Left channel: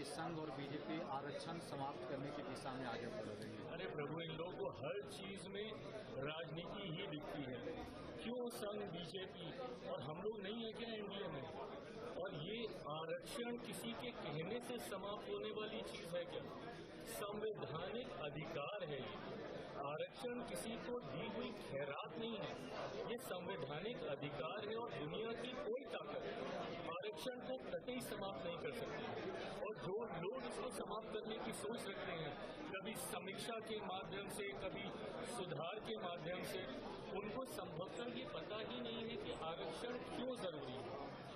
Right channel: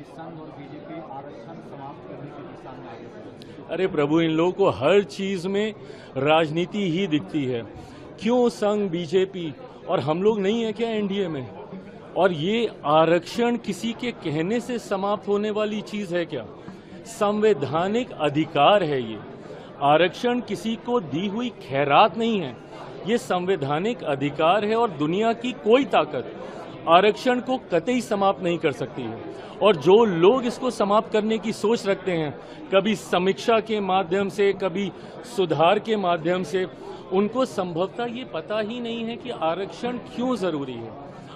कि संघ और बीजेपी आरक्षण समाप्त करने की दिशा में आगे बढ़े। अरे प्रभु, इन लोगों को हर चीज में राजनीति ही दिखती है। क्यों संघ, बीजेपी और हम लोग नहीं है क्या एनडीए में? और ये आरक्षण किसी के कहने से समाप्त होने वाली चीज है क्या? संवैधानिक अधिकार है ये। आरक्षण किसी को दी हुई खैरात नहीं है, ये संवैधानिक अधिकार है और दुनिया की कोई ताकत आरक्षण को कतई समाप्त नहीं कर सकती है। और जो लोग इसको समाप्त करने की सोच रखते हैं, कभी समीक्षा के माध्यम से, कभी सुधार के माध्यम से, उनको संभवतः ये पता ही नहीं है कि आरक्षण क्यों जरूरी है।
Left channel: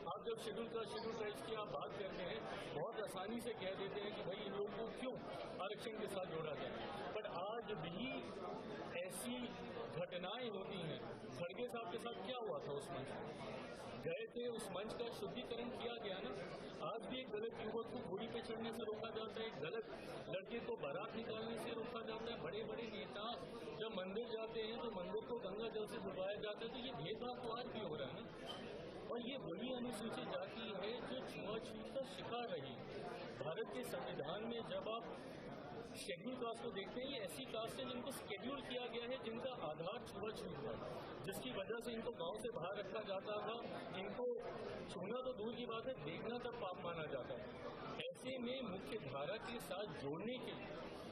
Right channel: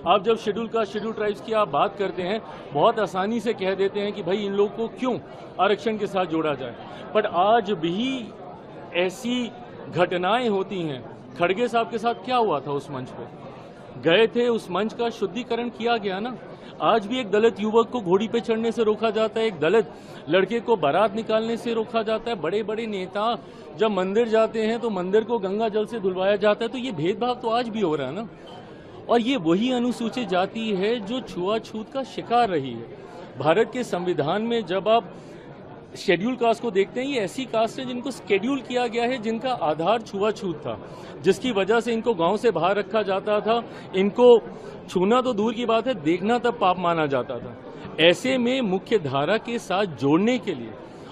आप जब शेड्यूल ट्राइब्स की आप बात करते हैं, बहुत आसानी से कह देते हैं कि भाई इन लोगों को क्यों आरक्षण के साथ जोड़ा जाए, पर आज भी ऐसी घटनाएं होती हैं। खड़गे साहब के साथ क्या हुआ था? उस मंच पे गए थे, उस मंच का शुद्धिकरण किया गया ना। आज भी एक दलित युवक को घोड़ी पे चढ़ने से रोका जाता है, एक दलित लड़के को बारात निकालने से रोका जाता है। बड़े बड़े नेता जब मंदिर जाते हैं तो मंदिर को गंगा जल से धुलवाया जाता है। तो ये भेदभाव तो आज भी हो रहा है ना। और ये वही अनुसूचित जाति है जो छुआछूत का शिकार रही है। भारत के संविधान में जब आप शेड्यूल कास्ट को देखते हैं, ये ऐसी कास्ट है जिनको शेड्यूल किया गया है, जिनका आधार छुआछूत था, जिसकी वजह से इनको गांव से बाहर रखा जाता था। इनको छूना तो दूर की बात है, देखना तब पाप माना जाता था। ऐसे में मुख्य धारा के साथ जोड़ने के लिए,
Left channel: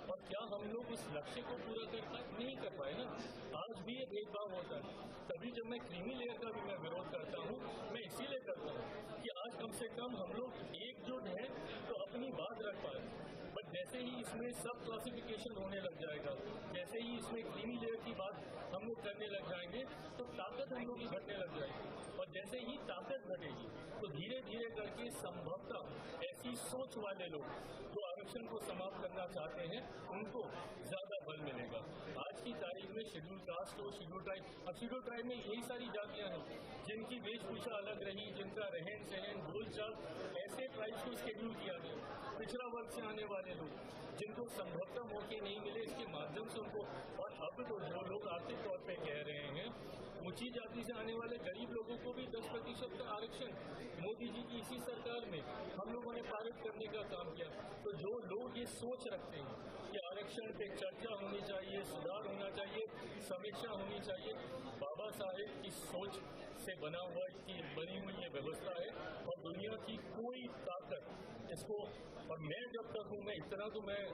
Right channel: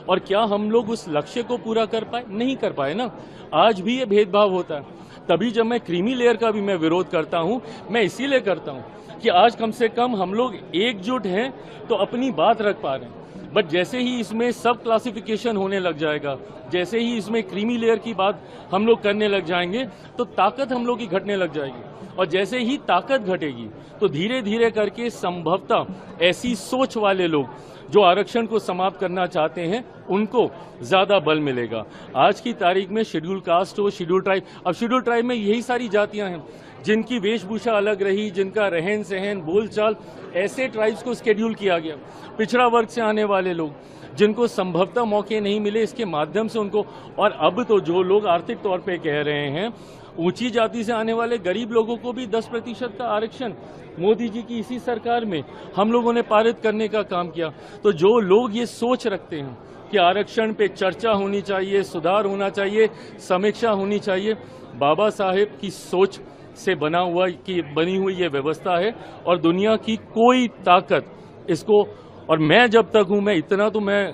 और क्या हम लोग उस लक्ष्य को पूरा कर पाए? नहीं कर पाए ना। आज भी ये भेदभाव होता है। तभी जब मैं क्रीमी लेयर का भी मैं विरोध करता हूं, मैं इसीलिए करता हूं कि आज कम से कम हम लोग एकजुट हैं तो अपनी बात रख पा रहे हैं। बट जैसे ही इसमें सब क्लासिफिकेशन होने लग जाएगा, जैसे ही इसमें क्रीमी लेयर की बात हम लोग करने लग जाएंगे, तो ताकत हम लोग की घटने लग जाएगी। और जैसे ही ताकत घटेगी तो धीरे धीरे करके संभवतः ऐसी सोच वाले लोग जो आरक्षण को समाप्त करना चाहते हैं, उनको ज्यादा बल मिलेगा। आज की तारीख में शेड्यूल कास्ट हो, शेड्यूल ट्राइब, अब शेड्यूल ट्राइब में यही सारी जातियां हैं जिनकी वेशभूषा अलग रही, जिनका रहन सहन, बोलचाल, ऐसे ट्राइब्स को शेड्यूल किया गया। पिछड़ा वर्ग से आने वाले लोग जिनको संभवतः मौके नहीं मिले, इसके माध्यम से उनको, और अब तो जो लोग आर्थिक तौर पे कह रहे हैं, ऊंची जाति से आने वाले गरीब लोगों को भी 10% का आरक्षण मोदी जी की इसी सरकार में हम लोगों ने पारित करने का काम किया। तो जो लोग ये सोच रखते हैं कि आरक्षण पे चर्चा होनी चाहिए, सुधार होना चाहिए, समीक्षा होनी चाहिए, बाबा साहेब की सोच से बनी हुई ये व्यवस्था है और दुनिया की कोई ताकत इसको, और मैं जब तक हूं, मैं इतना तो मैं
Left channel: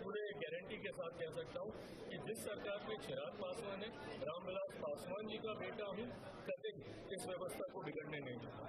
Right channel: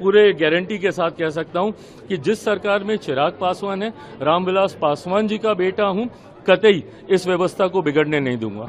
पूरे गारंटी के साथ कह सकता हूं कि जिस सरकार में चिराग पासवान है, रामविलास पासवान जी का बेटा हूं, कतई इस व्यवस्था को बिगड़ने नहीं दूंगा।